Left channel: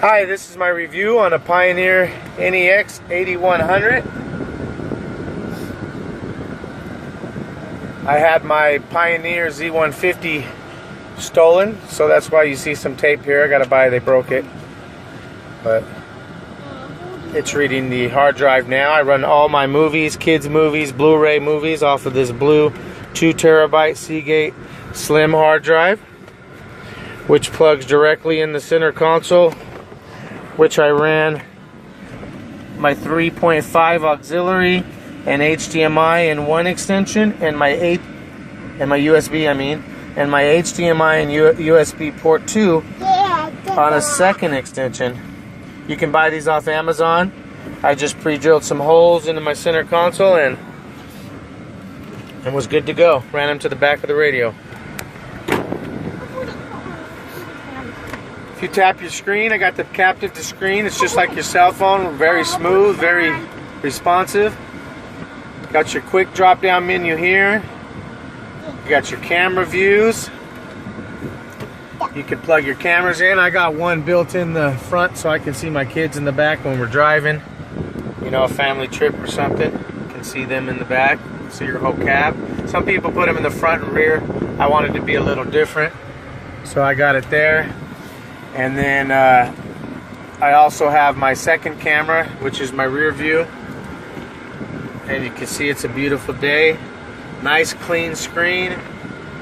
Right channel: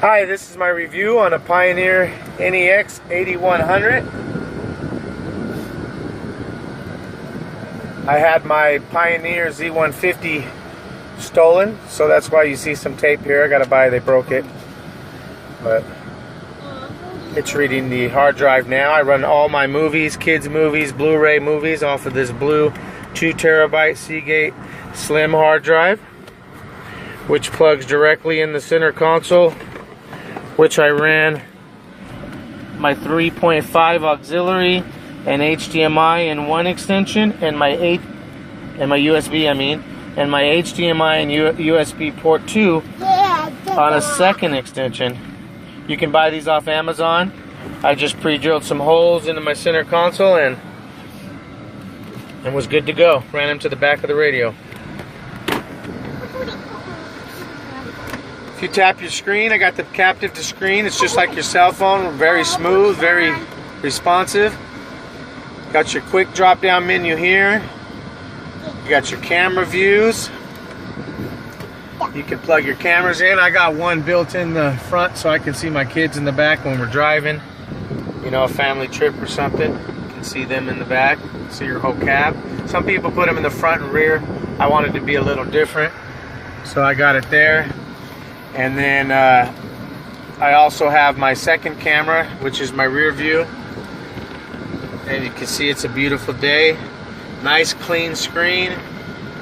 Hi, this is my review on a Pioneer NEX 8100. I had my Pioneer Z150 stolen, so that's why you see some tape here. I gotta buy, they broke it. But it's reading the hard drive now. I run all my movies, kids movies, Blu-ray movies off of this blue 2 terabyte Seagate Slim hard drive, which plugs directly in the center console, which I ran my 3.5 auxiliary and HDMI in one extension, and my USB, and my HDMI and USB port 2 on a second extension. You can buy these off Amazon. I just pre-drilled some holes into my center console and was good to go. Ran them to the back of the radio. If you tap your screen, I got the captive to screen. It's just like your cell phone, very smooth, very responsive. Got your quick drop down menu here. You got your camera views. You can plug your cameras in. I got one built in the front so I can see my kids in the back when we're driving. You know, a family trip or something. You can see them in the back, see your whole cab. Some people put them in the front and rear. I wanted to be a little different, so I got it there. And then I also have my second camera, which is my rear view. And you can see it's a beautiful day. Nice clean screen.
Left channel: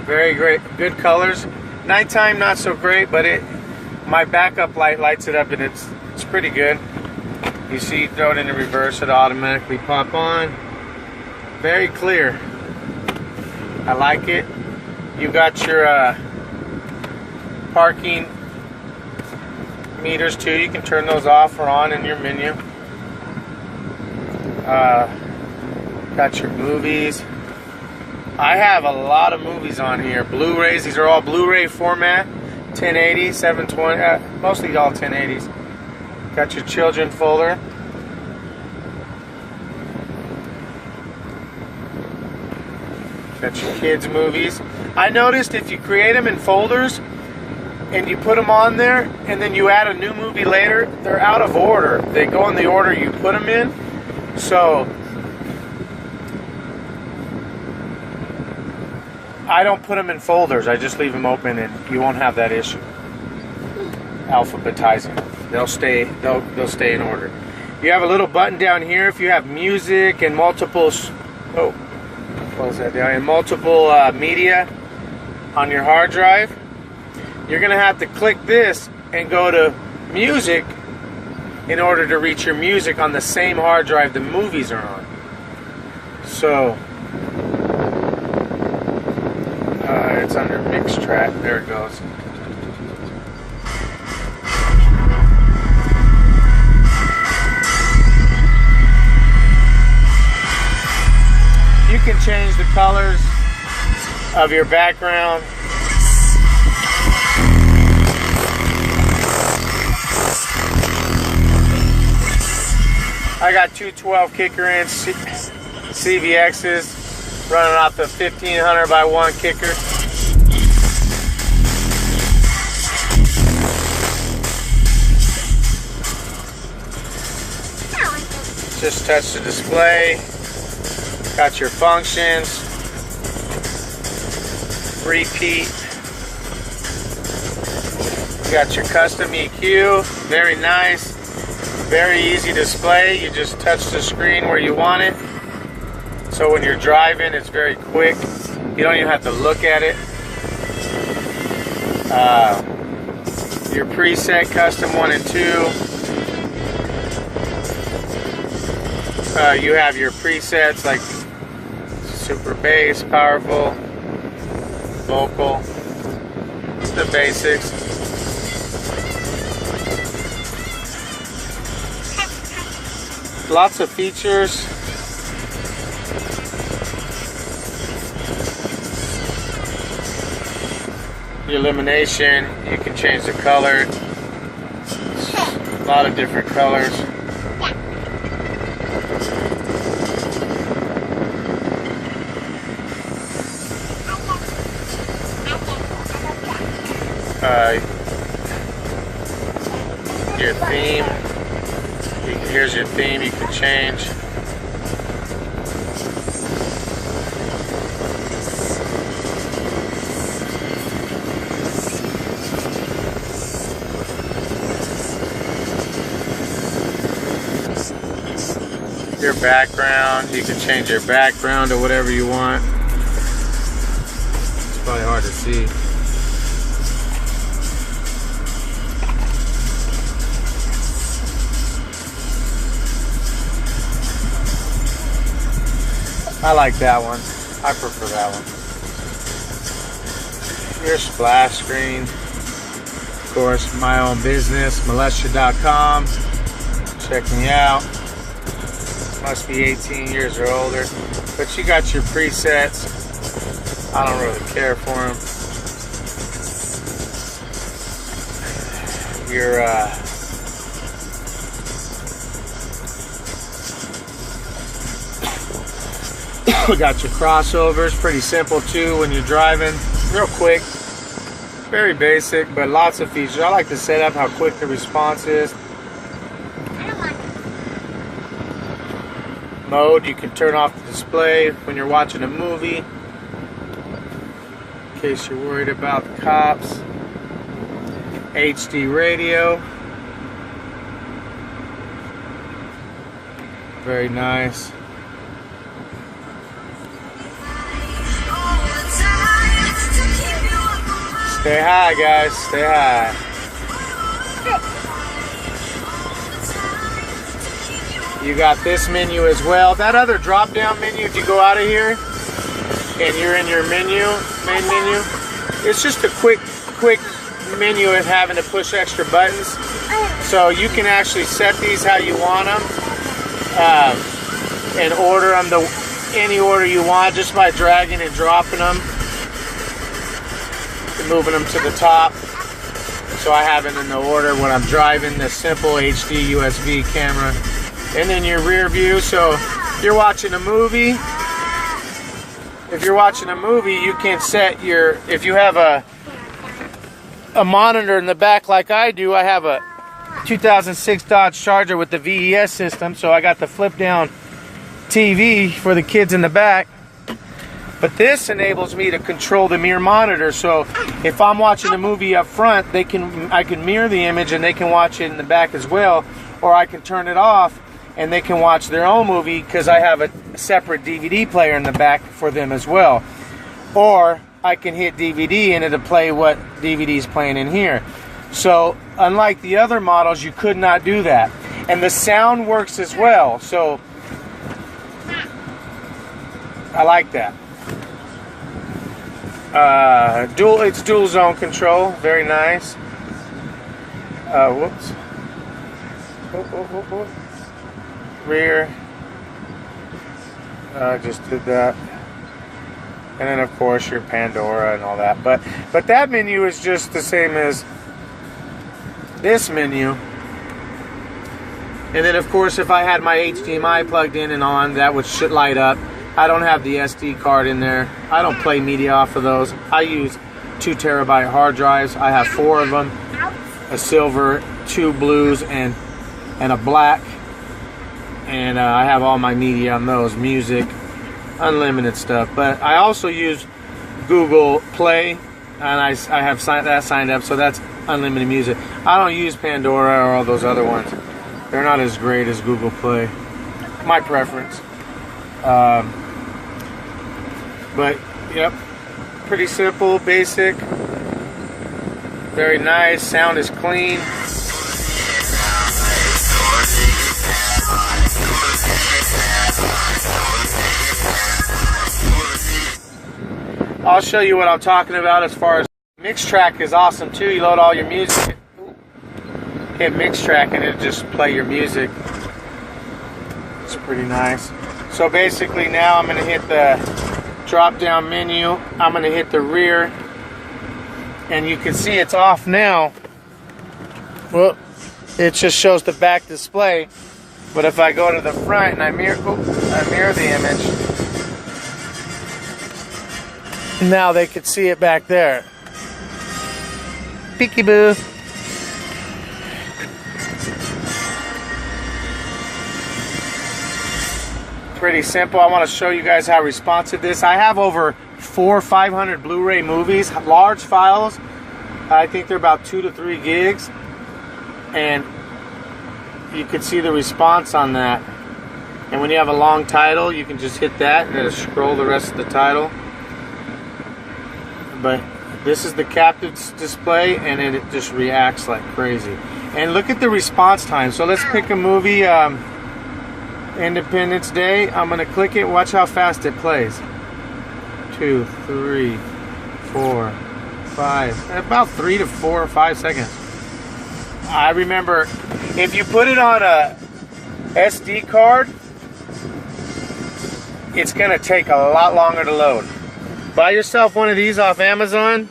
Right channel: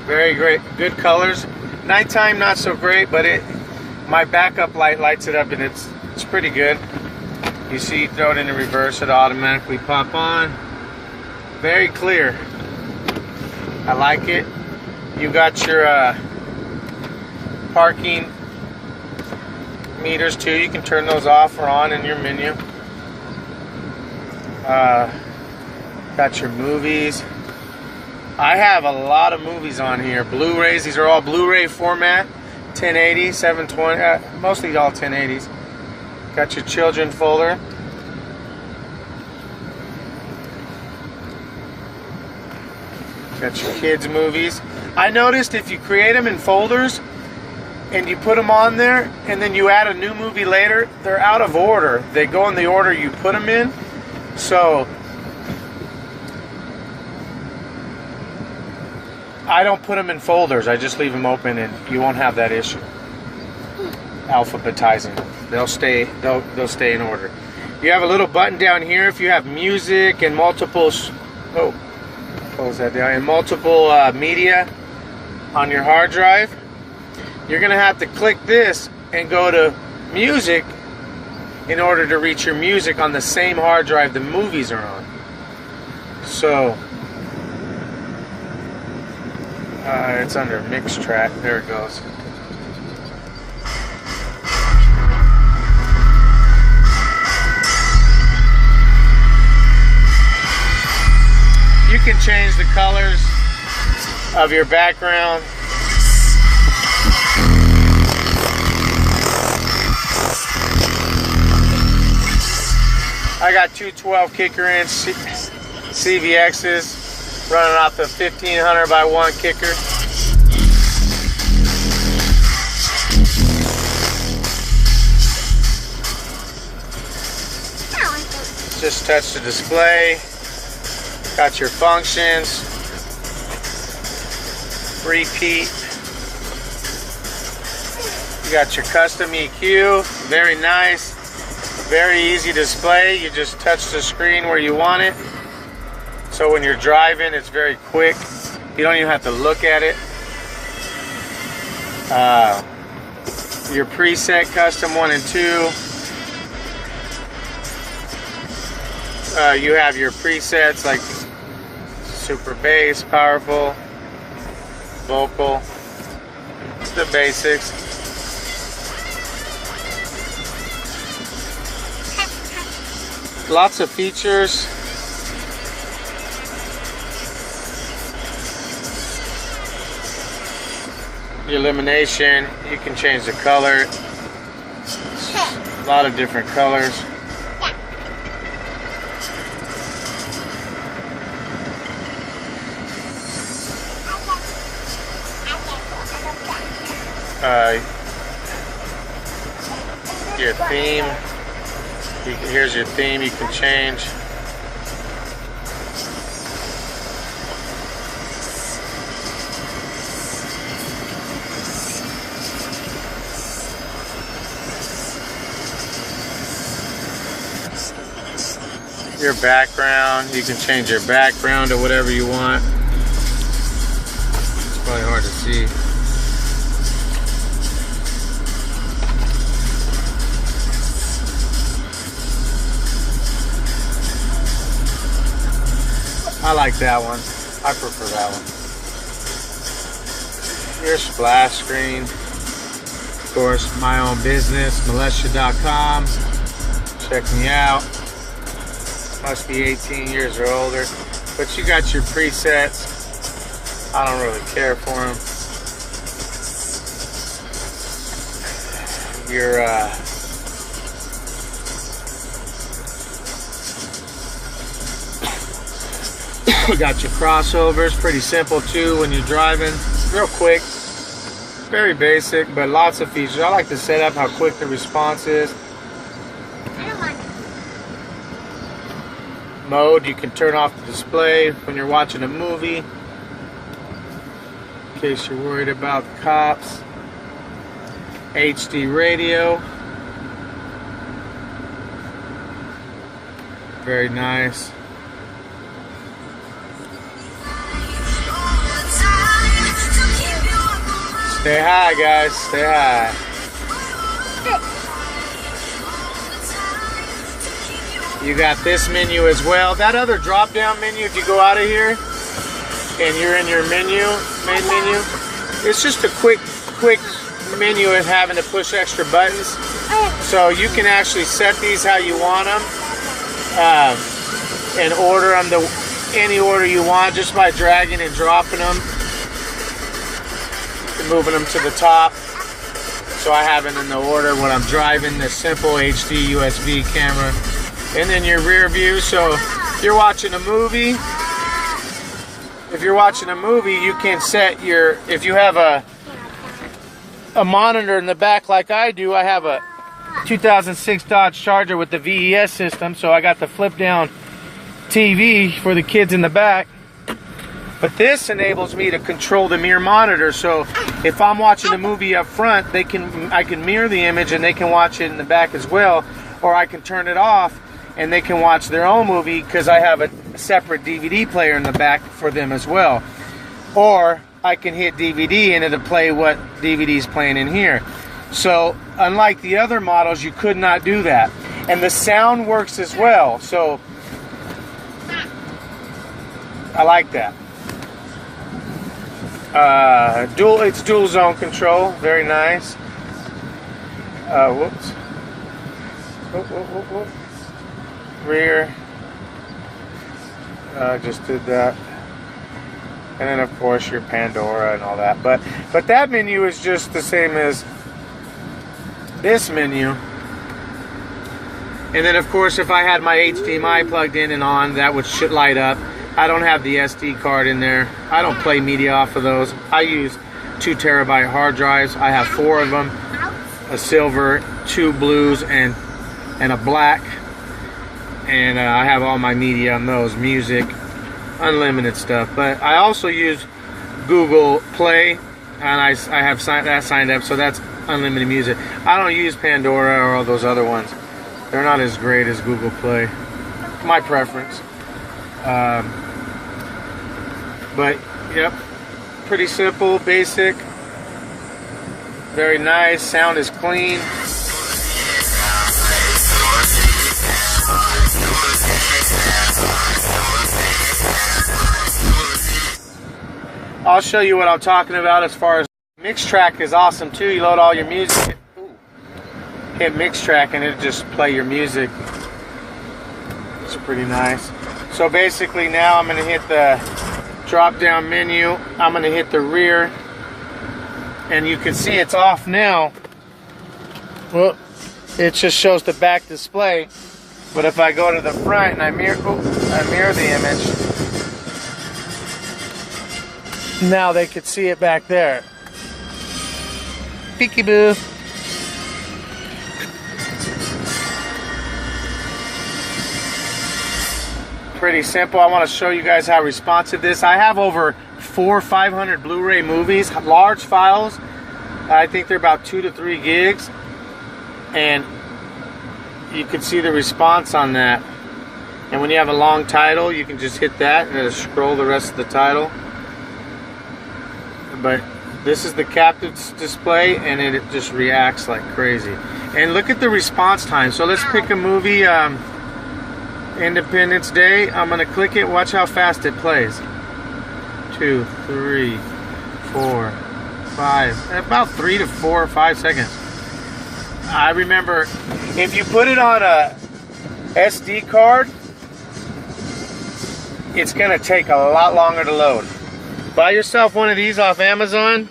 Very great, good colors. Nighttime not so great, but my backup light lights it up and it's pretty good. You see, you throw it in the reverse, it'll automatically pop on. Very clear. I like it. You got your parking meters too. You can turn those off or on in your menu. Got your movies. I have a lot of movies on here. Blu-rays. These are all Blu-ray format. 1080, 720, mostly all 1080s. Got your children folder. Got your kids movies. I noticed if you create them in folders and you put them on there and then you add a new movie later, they're out of order. They go in the order you put them in. So I don't put them in folders. I just leave them open and you won't have that issue alphabetizing them. They'll stay in order. You have a little button down here if you have music and multiple close that down, and multiple media on your hard drive. You're gonna have to click this and go to music in order to reach your music on the same hard drive the movies are on. So it's under mix track. There it goes. You can change the colors of your background. I got two 12-kicker-inch CVXs running off the 1500 by 1 kicker. Just touch the display. Got your functions. Repeat. You got your custom EQ. Very nice. Very easy display. You just touch the screen where you want it. So when you're driving, it's very quick. You don't even have to look at it. Your preset custom 1 and 2. You have your presets like super bass, powerful, vocal, the basics. Lots of features. Your illumination, you can change the color. A lot of different colors. Your theme. Here's your theme you can change. Your background, you can change your background to whatever you want. It's probably hard to see. I like that one. I prefer that one. Your splash screen. Of course, my own business, militia.com. Check me out. Must be 18 years or older. But you got your presets. I don't really care for them. Your we got your crossovers, pretty simple too when you're driving. Real quick, very basic, but lots of features. I like to set up how quick the response is. Mode, you can turn off the display when you're watching a movie, in case you're worried about the cops. HD radio, very nice. Stay high, guys, stay high. You got this menu as well. That other drop down menu, if you go out of here and you're in your menu, main menu, it's just a quick menu of having to push extra buttons. So you can actually set these how you want them and order them any order you want just by dragging and dropping them and moving them to the top. So I have it in the order when I'm driving, the simple HD USB camera. And then your rear view, so if you're watching a movie, you can set your, if you have a monitor in the back like I do, I have a 2006 Dodge Charger with the VES system, so I got the flip down TV for the kids in the back. But this enables me to control the mirror monitor, so if I'm watching a movie up front, I can mirror the image and they can watch it in the back as well, or I can turn it off and they can watch their own movie because I have a separate DVD player in the back for them as well. Or I can hit DVD and it'll play what DVD is playing in here. So unlike the other models, you could not do that. And the sound works as well, so I like that. It's dual zone control, very nice. Whoops. Rear, just did that, and then of course your Pandora and all that, but that menu is just the same as this menu. And then of course if I had my HDMI plugged in and on, that should light up. I don't have the SD card in there. I don't play media off of those. I use 2 terabyte hard drives. I have 4 of them, a silver, 2 blues, and a black. And I have all my media on those, music, unlimited stuff. But I also use Google Play, and I have that signed up, so that's unlimited music. I don't use Pandora or all those other ones. They're not as great as Google Play. My preference. But, yep, pretty simple, basic, very nice, sound is clean. I'll show you what I'm talking about as far as mix track is awesome too. You load all your music, hit mix track, and it'll just play your music. It's pretty nice. So basically now I'm going to hit the drop down menu. I'm going to hit the rear, and you can see it's off now. Well, it just shows the back display. But if I go to the front and I mirror the image, now they could see it back there. Peekaboo. pretty simple. I want to show you guys how responsive this. I have over 400 or 500 Blu-ray movies, large files. I think they're about 2 to 3 gigs, and you can see the response on that. And when you have a long title, you can just hit that and it'll scroll the rest of the title. But this is the captive display, and it just reacts like crazy. And look at the response time. So let's pick a movie, Independence Day. I'm gonna click it. Watch how fast it plays. 2, 3, 4, 5. About 3 to 4 or 5 seconds. I remember if you put it on a SD card, it's gonna take a lot longer to load. Buy yourself one of these off Amazon.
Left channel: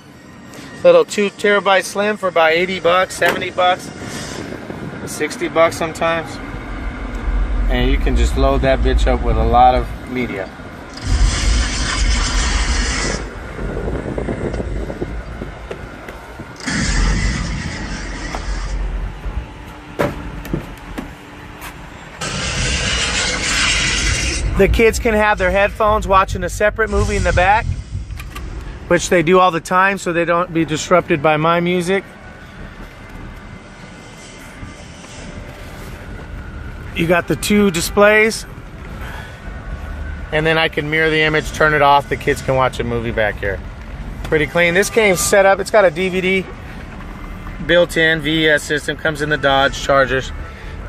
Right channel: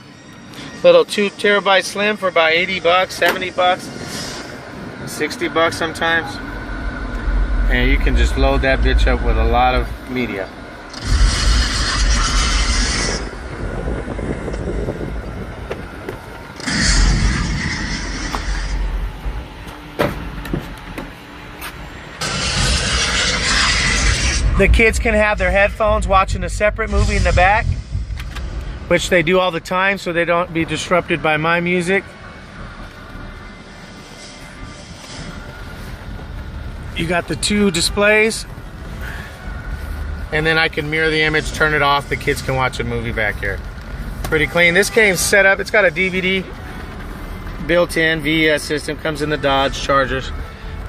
Little 2 terabyte slim for about 80 bucks, 70 bucks, 60 bucks sometimes. And you can just load that bitch up with a lot of media. The kids can have their headphones watching a separate movie in the back, which they do all the time, so they don't be disrupted by my music. You got the 2 displays, and then I can mirror the image, turn it off. The kids can watch a movie back here. Pretty clean. This game's set up. It's got a DVD built-in VES system. Comes in the Dodge Chargers.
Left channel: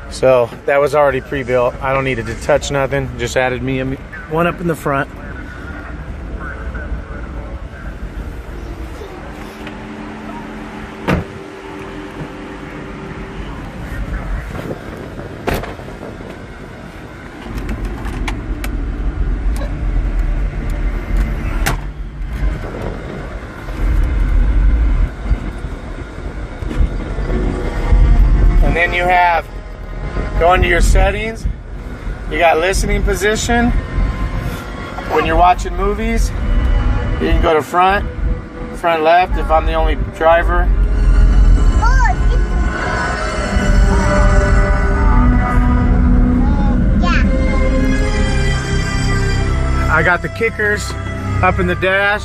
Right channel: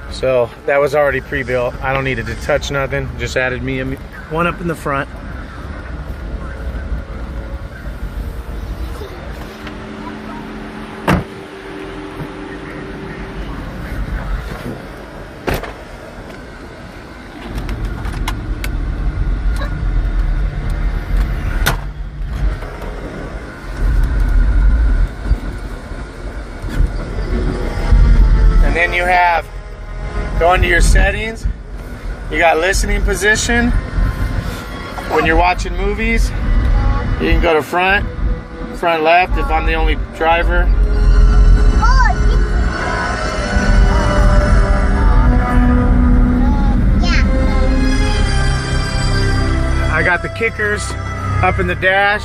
So that was already pre-built. I don't need to touch nothing. Just added me one up in the front. And then you have, go into your settings, you got listening position. When you're watching movies, you can go to front left if I'm the only driver. I got the kickers up in the dash,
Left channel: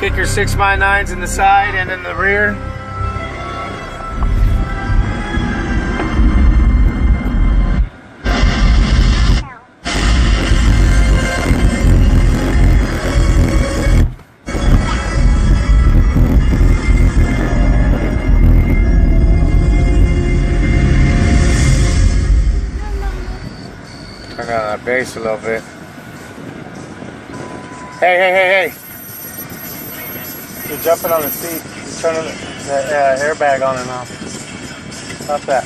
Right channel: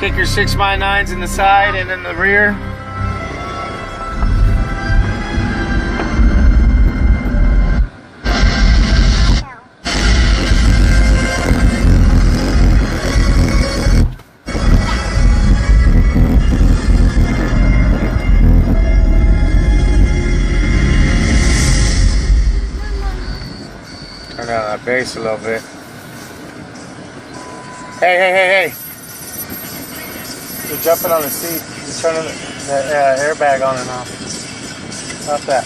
kicker 6x9s in the side and in the rear. Turn down that bass a little bit. Hey. You're jumping on the seat. You're turning the airbag on and off. Stop that.